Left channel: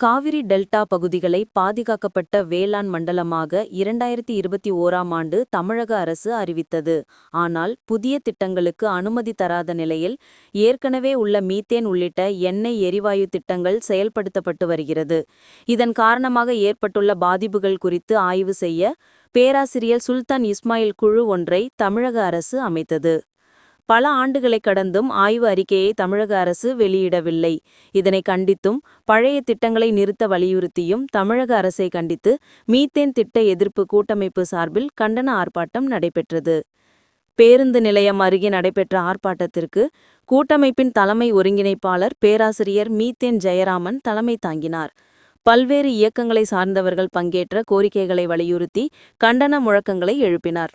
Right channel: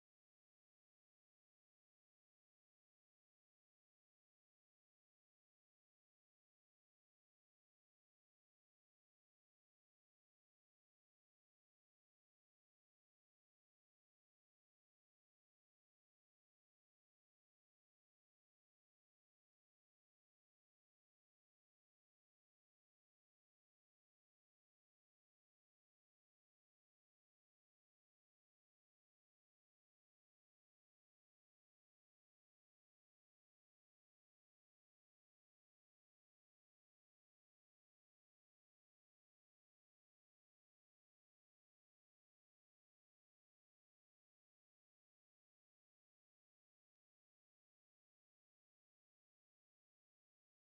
Kaveri delta பகுதிகளை பாதுகாக்கப்பட்ட வேளாண் மண்டலமாக இரண்டாயிரத்தி இருபத்தி ஓராம் ஆண்டு தமிழக அரசு அறிவித்தது. ஆனால் புதிய திட்டங்களுக்கு அனுமதி தராத நிலையில் ஏற்கனவே உள்ள மீத்தேன் உள்ளிட்ட எண்ணெய் எரிவாயு திட்டங்கள் செயல்படுத்தப்பட்டு வருகிறது. இதன் காரணமாக ஏற்பட்டுள்ள பாதிப்புகள் குறித்து ஆய்வு செய்ய பேராசிரியர் சுல்தான் இஸ்மாயில் குழு ஒன்றை தமிழக அரசு அமைத்தது. பல ஆண்டுகளை கடந்தும் ஆய்வு அறிக்கையை தமிழக அரசு வெளியிடவில்லை. இதனை கண்டித்தும் பழைய திட்டங்களை நிறுத்த வலியுறுத்தியும் தமிழக அரசை கண்டித்து மீத்தேன் திட்ட எதிர்ப்பு கூட்டமைப்பு சார்பில் கண்டன ஆர்ப்பாட்டம் நடைபெற்றது. பேருந்து நிலையம் அருகே நடைபெற்ற ஆர்ப்பாட்டத்திற்கு கூட்டமைப்பின் தலைமை ஒருங்கிணைப்பாளர் பேராசிரியர் மீத்தேன் ஜெயராமன் தலைமை தாங்கினார். பல்வேறு இயக்கங்களை சார்ந்தவர்கள் பங்கேற்ற கோரிக்கைகளை வலியுறுத்தி கண்டன முழக்கங்களை எழுப்பினார்.